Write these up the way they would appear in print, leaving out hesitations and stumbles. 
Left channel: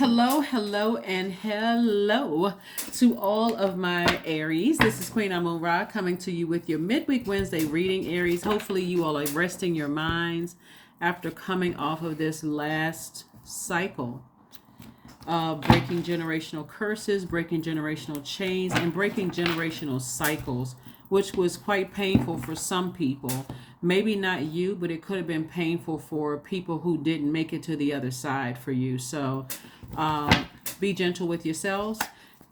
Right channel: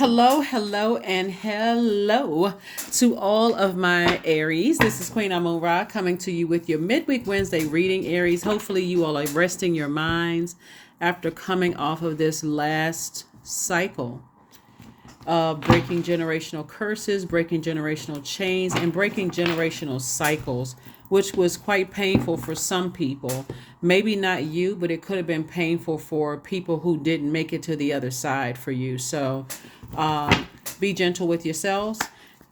Hello, hello, and hello to all of my Aries. This is Queen Amun Ra coming to you with your Midweek Wednesday reading, Aries. Hopefully you all are resting your minds after coming off of this last cycle of breaking generational curses, breaking generational chains, and breaking generational cycles, which was quite painful for some people. Maybe not you, but it could have been painful for people who didn't make it to the other side for you. So be gentle with yourselves.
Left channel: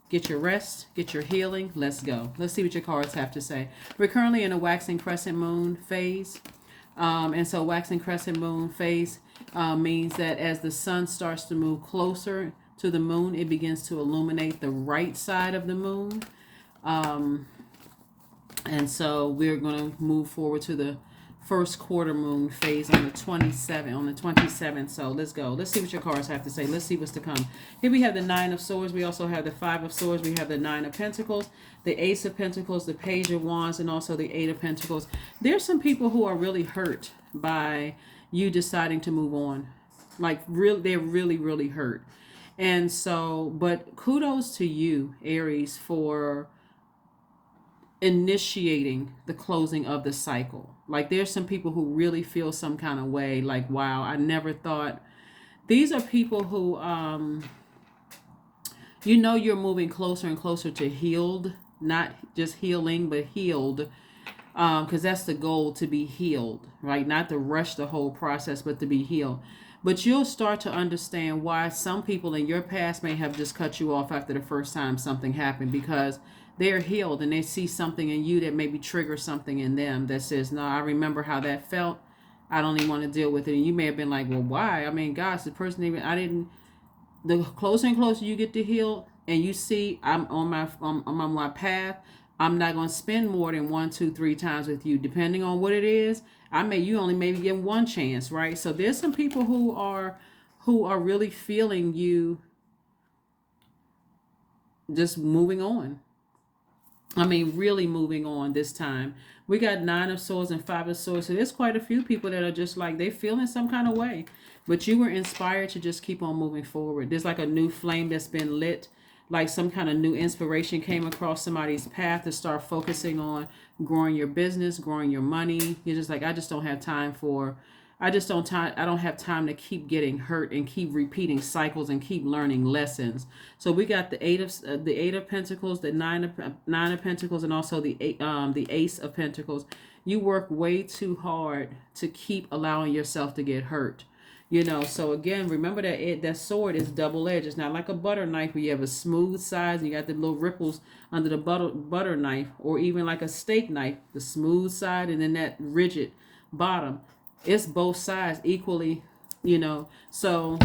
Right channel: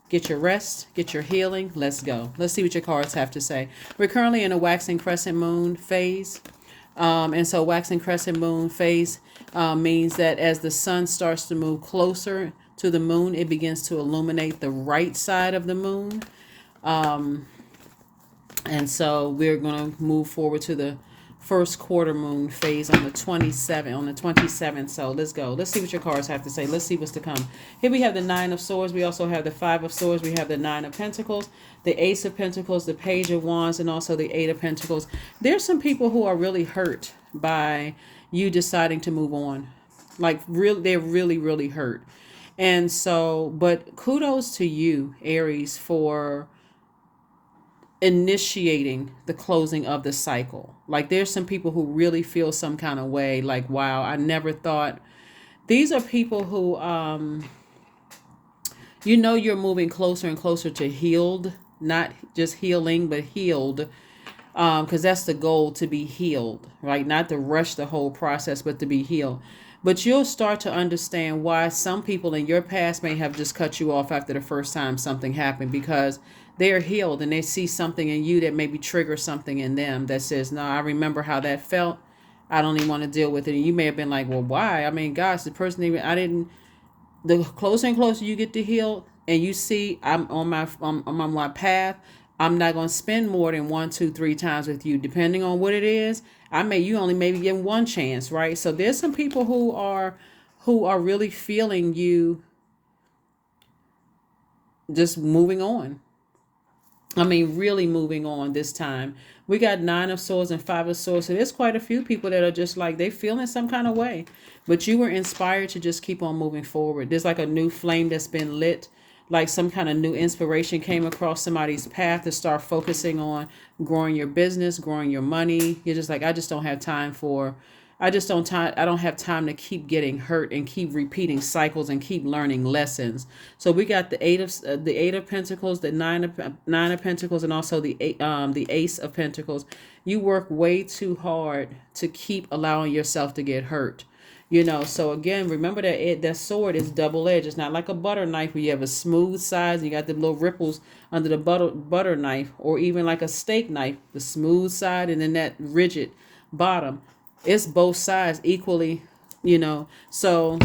Get your rest, get your healing. Let's go. Let's see what your cards have to say. We're currently in a waxing crescent moon phase. And so waxing crescent moon phase means that as the sun starts to move closer to the moon, it begins to illuminate the right side of the moon. And so we're going to move forward to the first quarter moon phase on the 27th. So let's go. Let's see what your cards have to say. Let's see what's to come. Here we have the Nine of Swords. We also have the Five of Swords. We have the Nine of Pentacles, the Ace of Pentacles, the Page of Wands, and also the Eight of Pentacles. There's some people who are really hurt by you deciding to move on. Like they're really, really hurt. And so, but kudos to you, Aries, for initiating the closing of the cycle. Like there's some people who really feel some kind of way, like, wow, I never thought. These are people who you're moving closer and closer to healed, not just healing, but healed, because that's the goal, to be healed, right? Not to rush the whole process, but to be healed. But you'll start to understand why some people in your past may have just cut you off after the first time something happened, because they're healed and they see something in you that maybe triggers something in them that says, no, I remember how that felt. I don't even want to deal with it. And you may have been like, well, why? I mean, gosh, the person the closer and closer you get to heal and you see I'm on my path, I'm not going to spend more than 1, 2, 3 times with you, depending on what it is. You only maybe give one chance, right? So there's some people who are really feeling you just moving on. Really moving on this time. We got Nine of Swords and Five of Swords. So there's quite a few people that are just like, they feeling some kind of way. But you were inspired to just keep on moving forward. There's like a new flame that's been lit. Like some kind of new inspiration came across somebody's path to start focusing on growing your business, growing your money. You're just like, I don't have time to keep getting hurt and keep repeating cycles and keep learning lessons. So we got the Eight of Pentacles, the Nine of Pentacles, and also the Ace of Pentacles. You work way too hard to keep allowing yourself to get hurt. So again, remember that sword is double-edged. It's not like a butter knife where you have a smooth side and you got the little ripples under the butter knife, or even like a steak knife, the smooth side and then that rigid bottom. It's both sides equally, So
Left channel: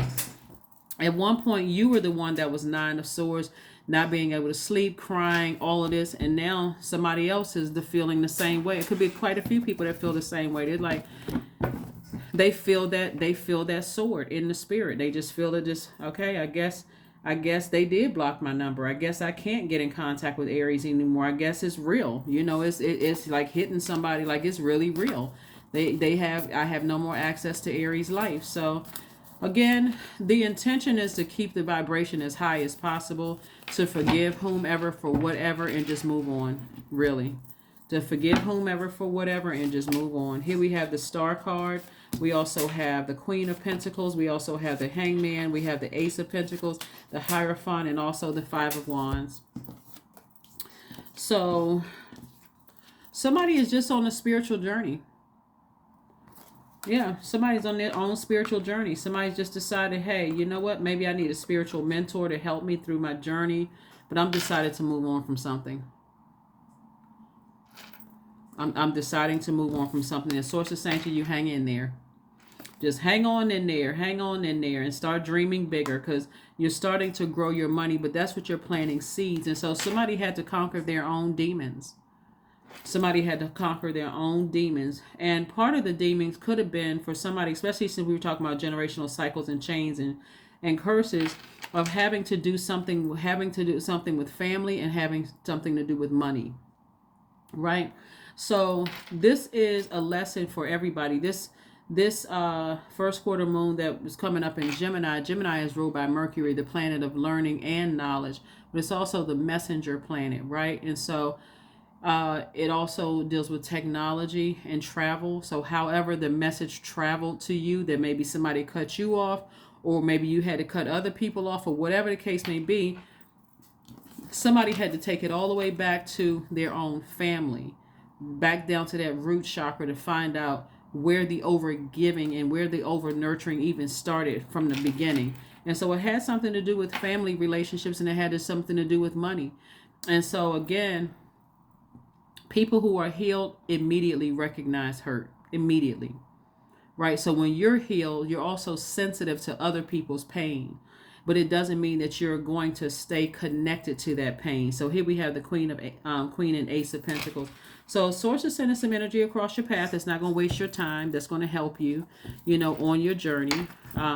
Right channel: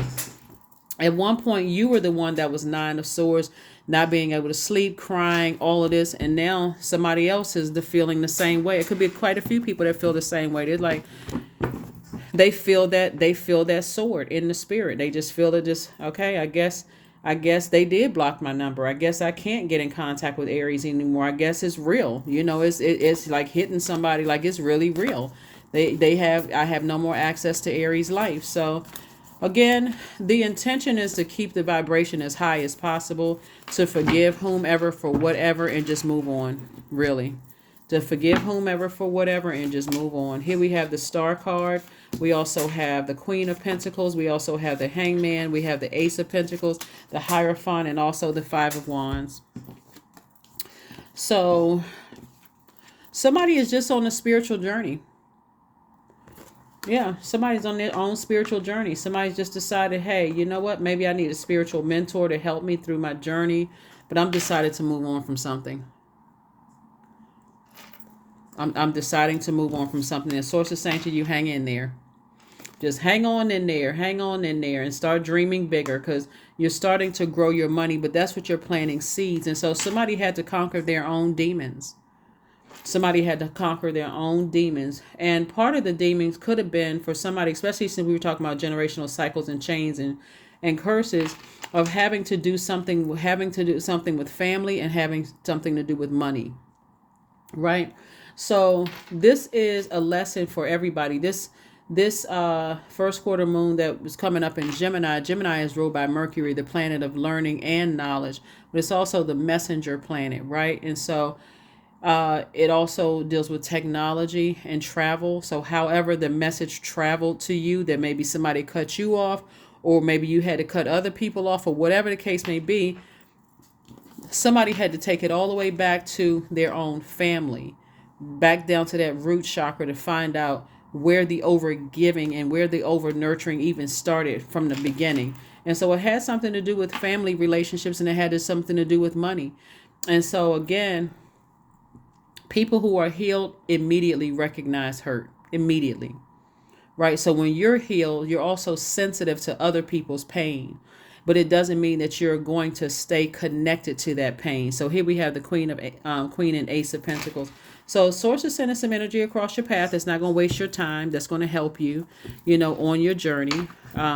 at one point you were the one that was Nine of Swords, not being able to sleep, crying, all of this, and now somebody else is feeling the same way. It could be quite a few people that feel the same way. They're like, they feel that sword in the spirit. They just feel it. Just okay. I guess they did block my number. I guess I can't get in contact with Aries anymore. I guess it's real. It's like hitting somebody. Like it's really real. I have no more access to Aries life. So again, the intention is to keep the vibration as high as possible, to forgive whomever for whatever and just move on. Really, to forgive whomever for whatever and just move on. Here we have the Star card. We also have the Queen of Pentacles. We also have the Hangman. We have the Ace of Pentacles, the Hierophant, and also the Five of Wands. So somebody is just on a spiritual journey. Yeah, somebody's on their own spiritual journey. Somebody's just decided, hey, you know what? Maybe I need a spiritual mentor to help me through my journey, but I'm decided to move on from something. I'm deciding to move on from something. The source is saying to you, hang in there. Just hang on in there, and start dreaming bigger, because you're starting to grow your money, but that's what you're planting seeds. And so somebody had to conquer their own demons. And part of the demons could have been for somebody, especially since we were talking about generational cycles and chains and curses, of having to do something with family and having something to do with money. Right? So this is a lesson for everybody. This This first quarter moon that was coming up in Gemini. Gemini is ruled by Mercury, the planet of learning and knowledge, but it's also the messenger planet, right? And so it also deals with technology and travel. So however the message traveled to you, that maybe somebody cut you off, or maybe you had to cut other people off, or whatever the case may be, somebody had to take it all the way back to their own family, back down to that root chakra to find out where the over giving and where the over nurturing even started from the beginning. And so it had something to do with family relationships, and it had something to do with money. And so again, people who are healed immediately recognize hurt immediately, right? So when you're healed, you're also sensitive to other people's pain, but it doesn't mean that you're going to stay connected to that pain. So here we have the Queen and Ace of Pentacles. So source is sending some energy across your path that's not going to waste your time, that's going to help you, on your journey.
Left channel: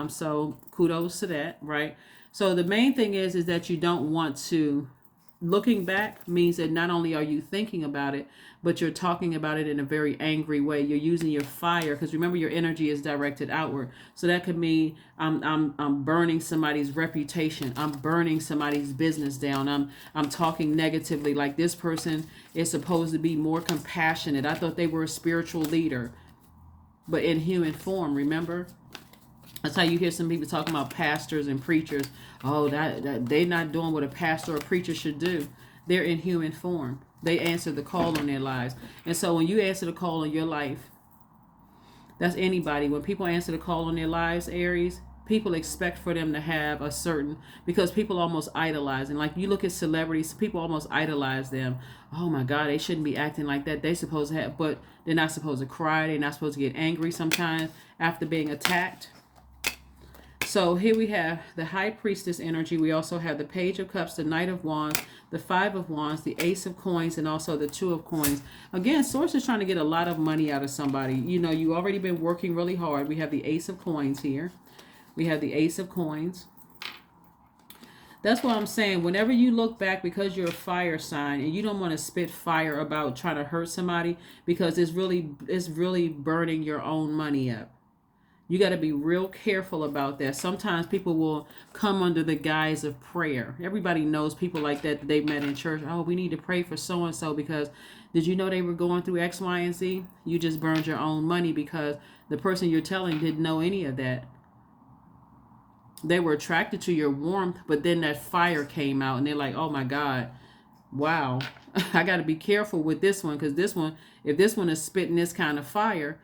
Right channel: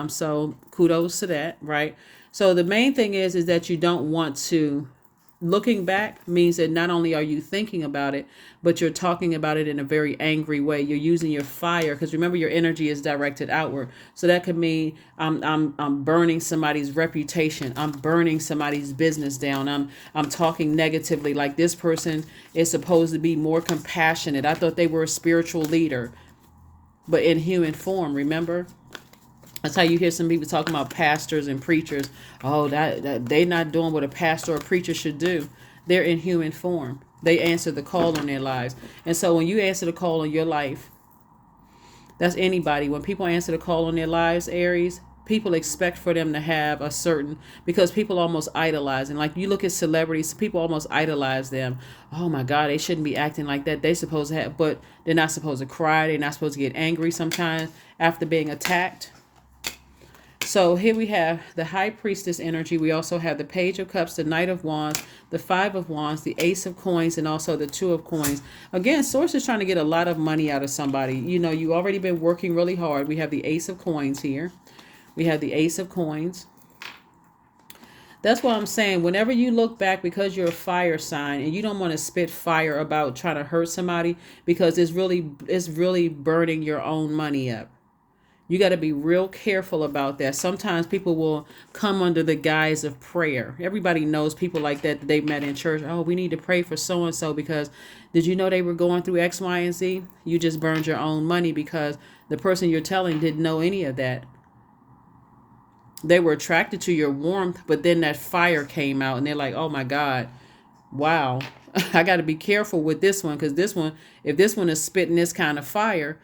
So kudos to that, right? So the main thing is that you don't want to, looking back means that not only are you thinking about it, but you're talking about it in a very angry way. You're using your fire, because remember, your energy is directed outward. So that could mean I'm burning somebody's reputation. I'm burning somebody's business down. I'm talking negatively, like this person is supposed to be more compassionate. I thought they were a spiritual leader, but in human form, remember? That's how you hear some people talking about pastors and preachers. Oh, that they're not doing what a pastor or preacher should do. They're in human form. They answer the call on their lives. And so when you answer the call on your life, that's anybody. When people answer the call on their lives, Aries, people expect for them to have a certain, because people almost idolize. And like you look at celebrities, people almost idolize them. Oh my God, they shouldn't be acting like that. They're supposed to have, but they're not supposed to cry. They're not supposed to get angry sometimes after being attacked. So here we have the High Priestess energy. We also have the Page of Cups, the Knight of Wands, the Five of Wands, the Ace of Coins, and also the Two of Coins. Again, Source is trying to get a lot of money out of somebody. You've already been working really hard. We have the Ace of Coins here. We have the Ace of Coins. That's what I'm saying. Whenever you look back, because you're a fire sign and you don't want to spit fire about trying to hurt somebody, because it's really burning your own money up. You got to be real careful about that. Sometimes people will come under the guise of prayer. Everybody knows people like that they met in church. Oh, we need to pray for so-and-so because did you know they were going through X, Y, and Z? You just burned your own money because the person you're telling didn't know any of that. They were attracted to your warmth, but then that fire came out and they're like, oh my God, wow, I got to be careful with this one, because if this one is spitting this kind of fire,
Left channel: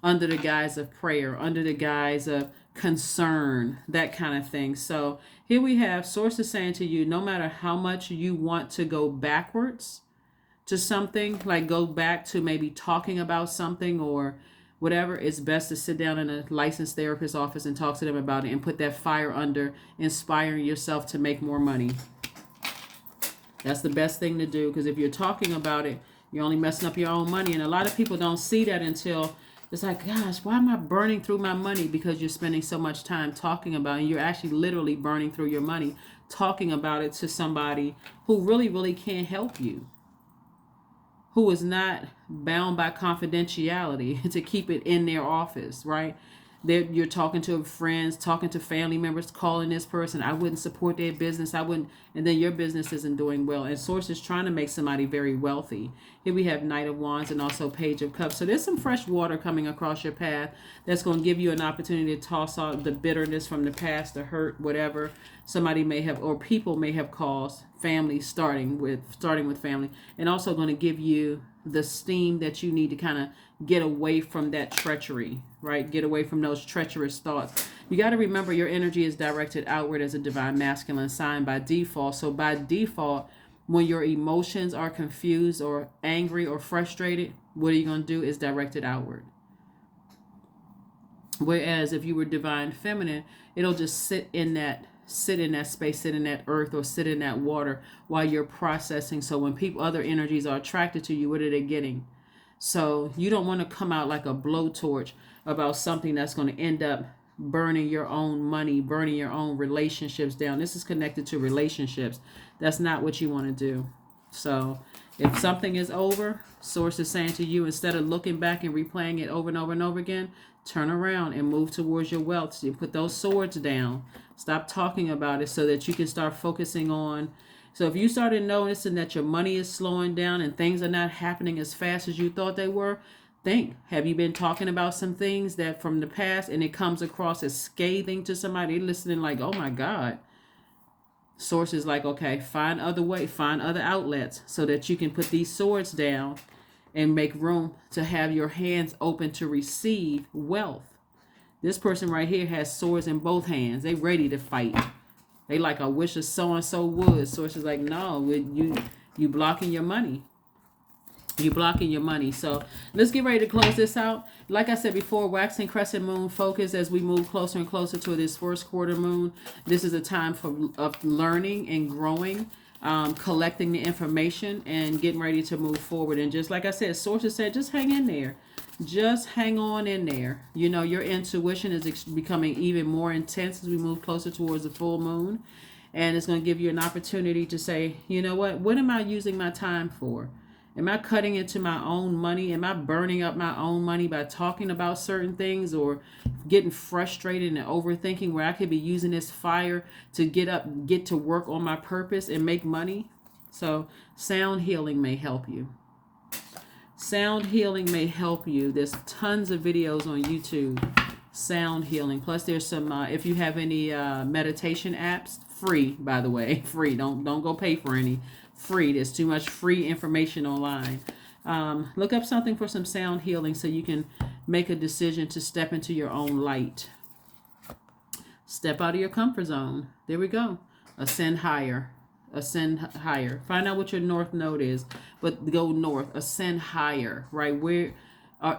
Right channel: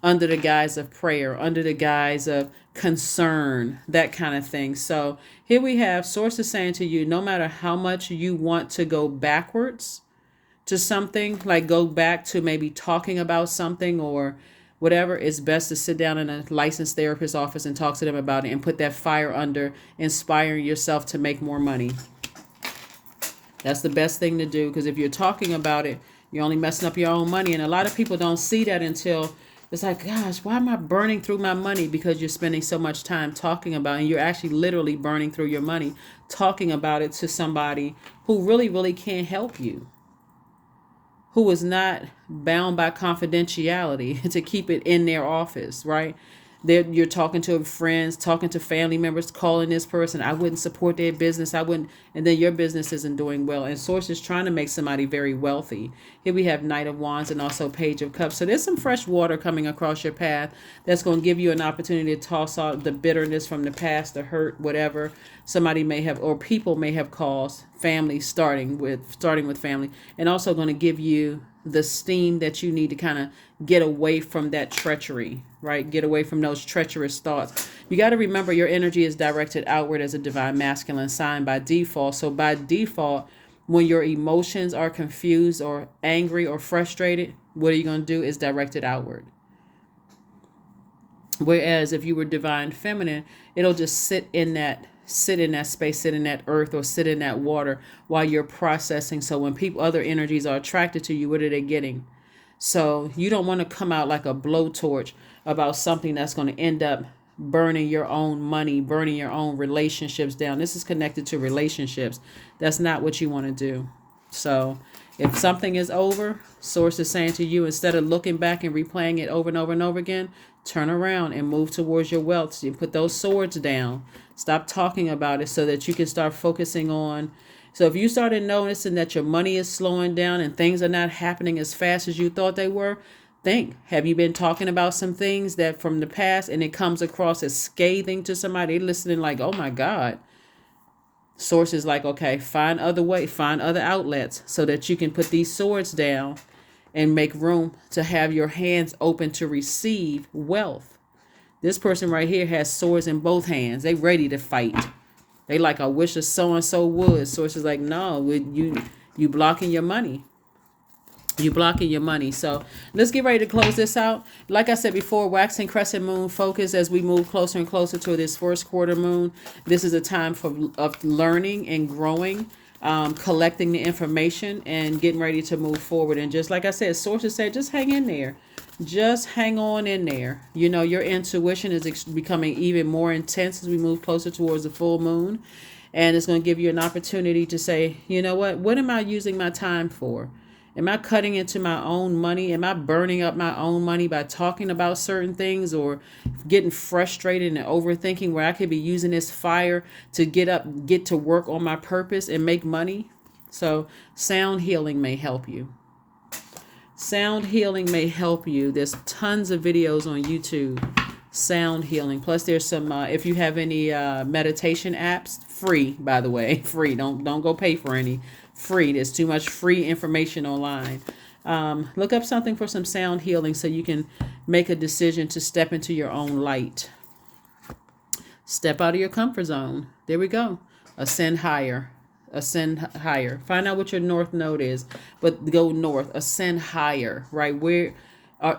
under the guise of prayer, under the guise of concern, that kind of thing. So here we have sources saying to you, no matter how much you want to go backwards to something, like go back to maybe talking about something or whatever, it's best to sit down in a licensed therapist's office and talk to them about it and put that fire under inspiring yourself to make more money. That's the best thing to do, because if you're talking about it, you're only messing up your own money. And a lot of people don't see that until it's like, gosh, why am I burning through my money? Because you're spending so much time talking about it, and you're actually literally burning through your money talking about it to somebody who really, really can't help you, who is not bound by confidentiality to keep it in their office, right? You're talking to friends, talking to family members, calling this person. I wouldn't support their business. I wouldn't. And then your business isn't doing well. And Source is trying to make somebody very wealthy. Here we have Knight of Wands and also Page of Cups. So there's some fresh water coming across your path that's going to give you an opportunity to toss out the bitterness from the past, the hurt, whatever somebody may have, or people may have caused, family, starting with family, and also going to give you the steam that you need to kind of get away from that treachery, right? Get away from those treacherous thoughts. You got to remember your energy is directed outward as a divine masculine sign by default. So by default, when your emotions are confused or angry or frustrated, what are you going to do is direct it outward. Whereas if you were divine feminine, it'll just sit in that space, sit in that earth, or sit in that water while you're processing. So when other energies are attracted to you, what are they getting? So you don't want to come out like a blowtorch about something that's going to end up burning your own money, burning your own relationships down. This is connected to relationships. That's not what you want to do. So if something is over, Source is saying to you, instead of looking back and replaying it over and over and over again, Turn around and move towards your wealth. So you put those swords down. Stop talking about it so that you can start focusing on. So if you started noticing that your money is slowing down and things are not happening as fast as you thought they were, think, have you been talking about some things that from the past and it comes across as scathing to somebody listening like, oh my God. Sources like, okay, find other outlets so that you can put these swords down and make room to have your hands open to receive wealth. This person right here has swords in both hands. They ready to fight. They like, I wish a so-and-so would. Sources like, no, you blocking your money. You blocking your money. So let's get ready to close this out. Like I said before, waxing crescent moon focus as we move closer and closer to this first quarter moon. This is a time of learning and growing, collecting the information and getting ready to move forward. And just like I said, sources said, just hang in there. Just hang on in there. You know, your intuition is becoming even more intense as we move closer towards the full moon. And it's going to give you an opportunity to say, you know what am I using my time for? Am I cutting into my own money? Am I burning up my own money by talking about certain things or getting frustrated and overthinking where I could be using this fire to get to work on my purpose and make money? So sound healing may help you. Sound healing may help you. There's tons of videos on YouTube. Sound healing. Plus there's some, if you have any meditation apps, free, by the way, free. Don't go pay for any. Free. There's too much free information online. Look up something for some sound healing so you can make a decision to step into your own light. Step out of your comfort zone. There we go. Ascend higher. Ascend higher. Find out what your north node is, but go north. Ascend higher, right? Where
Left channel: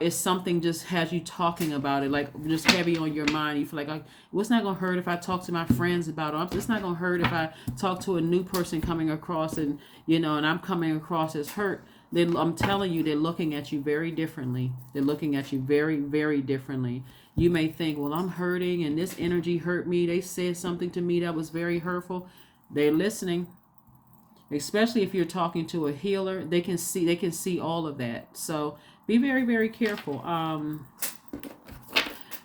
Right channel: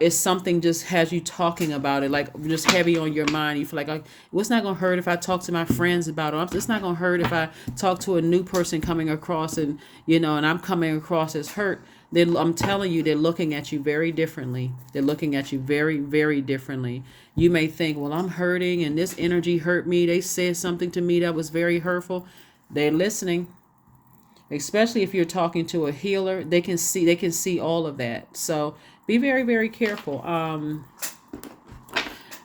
is something just has you talking about it, like just heavy on your mind. You feel like, what's not going to hurt if I talk to my friends about it? It's not going to hurt if I talk to a new person coming across and, and I'm coming across as hurt. Then I'm telling you, they're looking at you very differently. They're looking at you very, very differently. You may think, well, I'm hurting and this energy hurt me. They said something to me that was very hurtful. They're listening. Especially if you're talking to a healer, they can see all of that. So be very, very careful.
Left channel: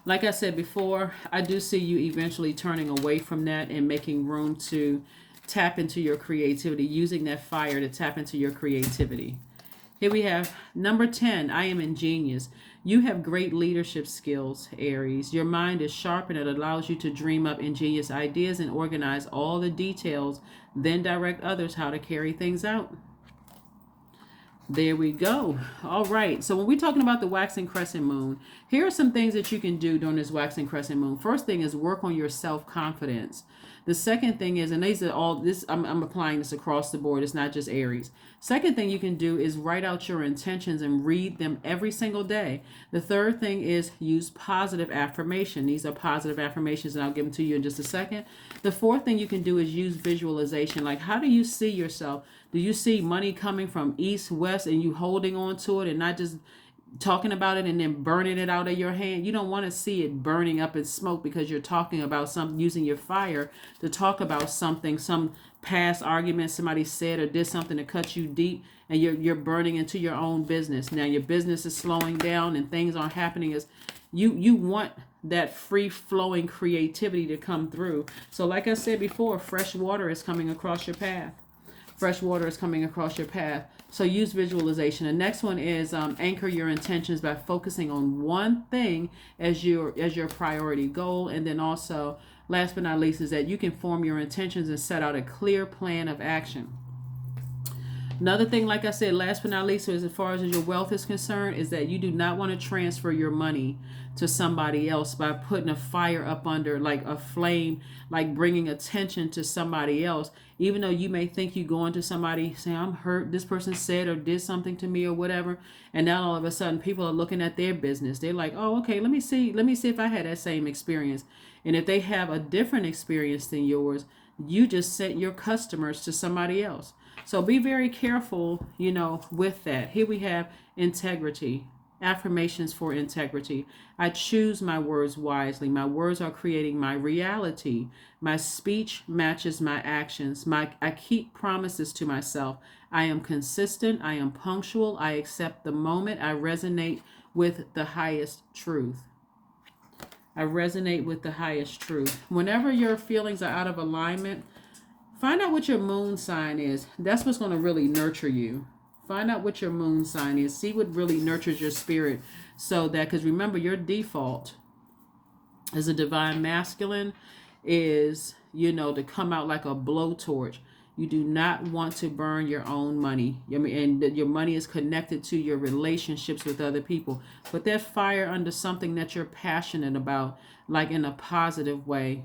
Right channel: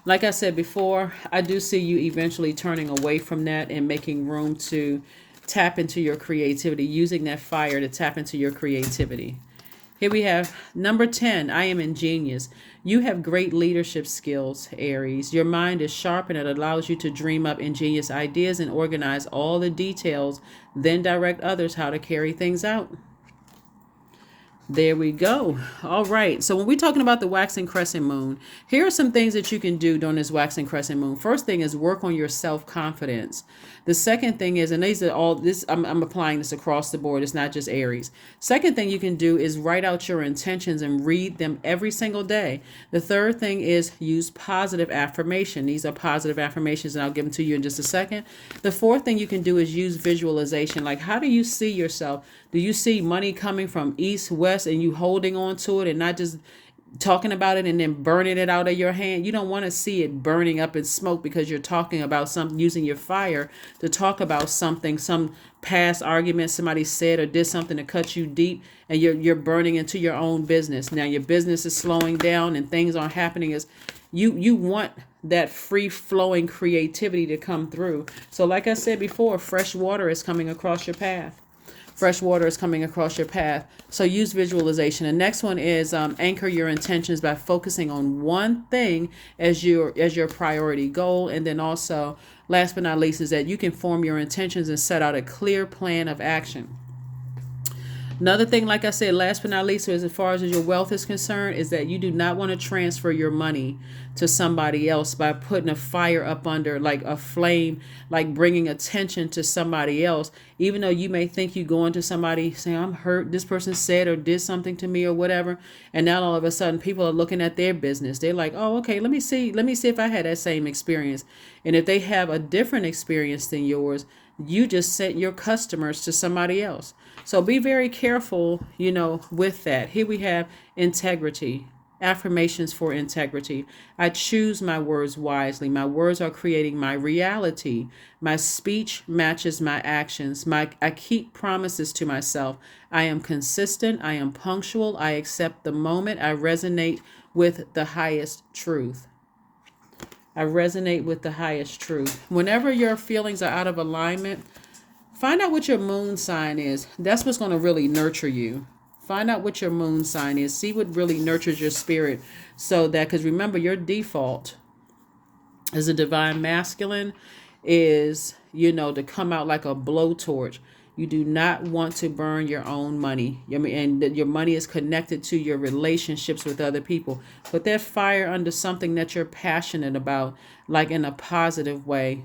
Like I said before, I do see you eventually turning away from that and making room to tap into your creativity, using that fire to tap into your creativity. Here we have number 10. I am ingenious. You have great leadership skills, Aries. Your mind is sharp and it allows you to dream up ingenious ideas and organize all the details, then direct others how to carry things out. There we go. All right. So when we're talking about the waxing crescent moon, here are some things that you can do during this waxing crescent moon. First thing is work on your self-confidence. The second thing is, and these are all this, I'm applying this across the board. It's not just Aries. Second thing you can do is write out your intentions and read them every single day. The third thing is use positive affirmation. These are positive affirmations, and I'll give them to you in just a second. The fourth thing you can do is use visualization. Like, how do you see yourself? Do you see money coming from east, west, and you holding on to it and not just talking about it and then burning it out of your hand? You don't want to see it burning up in smoke because you're talking about something, using your fire to talk about something, some past argument somebody said or did something to cut you deep, and you're burning into your own business. Now your business is slowing down and things aren't happening as you want that free flowing creativity to come through. So like I said before, fresh water is coming across your path. Fresh water is coming across your path. So use visualization. The next one is anchor your intentions by focusing on one thing as your priority goal. And then also, last but not least, is that you can form your intentions and set out a clear plan of action. Another thing, like I said, last but not least, as far as your wealth is concerned, is that you do not want to transfer your money to somebody else by putting a fire up under, like a flame, like bringing attention to somebody else. Even though you may think you go into somebody saying, I'm hurt, this person said or did something to me or whatever. And now all of a sudden people are looking at their business. They're like, oh, okay, let me see if I had that same experience. And if they have a different experience than yours, you just sent your customers to somebody else. So be very careful, with that. Here we have integrity. Affirmations for integrity. I choose my words wisely. My words are creating my reality. My speech matches my actions. I keep promises to myself. I am consistent. I am punctual. I accept the moment. I resonate with the highest truth. I resonate with the highest truth. Whenever your feelings are out of alignment, find out what your moon sign is. That's what's going to really nurture you. Find out what your moon sign is. See what really nurtures your spirit. So that, because remember, your default as a divine masculine is, to come out like a blowtorch. You do not want to burn your own money. And your money is connected to your relationships with other people. Put that fire under something that you're passionate about, like in a positive way.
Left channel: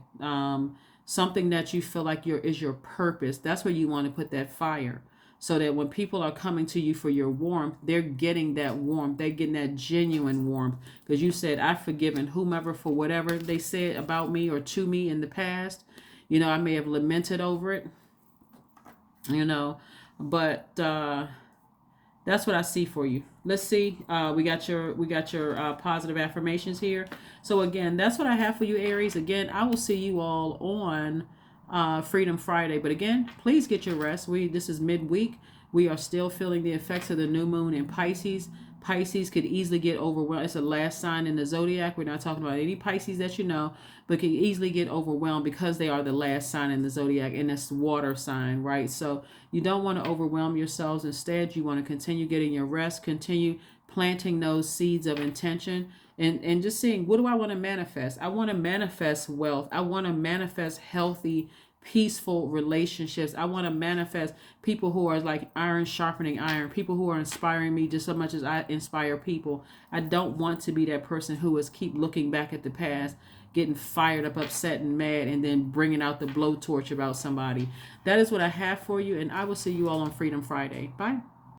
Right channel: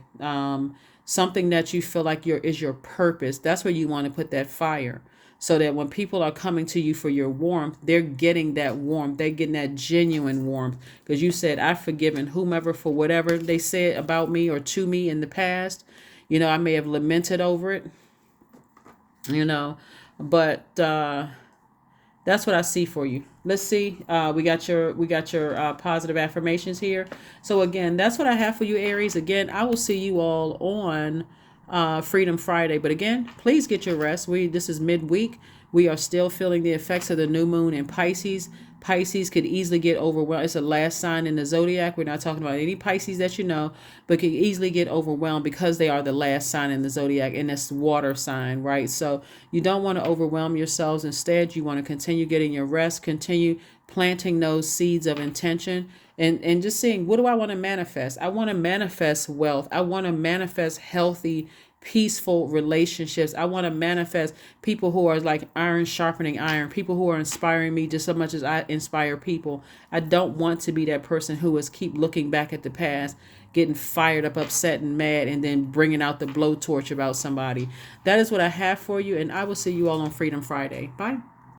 Something that you feel like is your purpose. That's where you want to put that fire. So that when people are coming to you for your warmth, they're getting that warmth. They're getting that genuine warmth. Because you said, I've forgiven whomever for whatever they said about me or to me in the past. I may have lamented over it, but that's what I see for you. Let's see. We got your positive affirmations here. So again, that's what I have for you, Aries. Again, I will see you all on Freedom Friday. But again, please get your rest. This is midweek. We are still feeling the effects of the new moon in Pisces. Pisces could easily get overwhelmed. It's the last sign in the Zodiac. We're not talking about any Pisces that but can easily get overwhelmed because they are the last sign in the Zodiac, and it's water sign, right? So you don't want to overwhelm yourselves. Instead, you want to continue getting your rest, continue planting those seeds of intention, and just seeing, what do I want to manifest? I want to manifest wealth. I want to manifest healthy, peaceful relationships. I want to manifest people who are like iron sharpening iron, people who are inspiring me just as much as I inspire people. I don't want to be that person who is keep looking back at the past, getting fired up, upset and mad, and then bringing out the blowtorch about somebody. That is what I have for you, and I will see you all on Freedom Friday. Bye.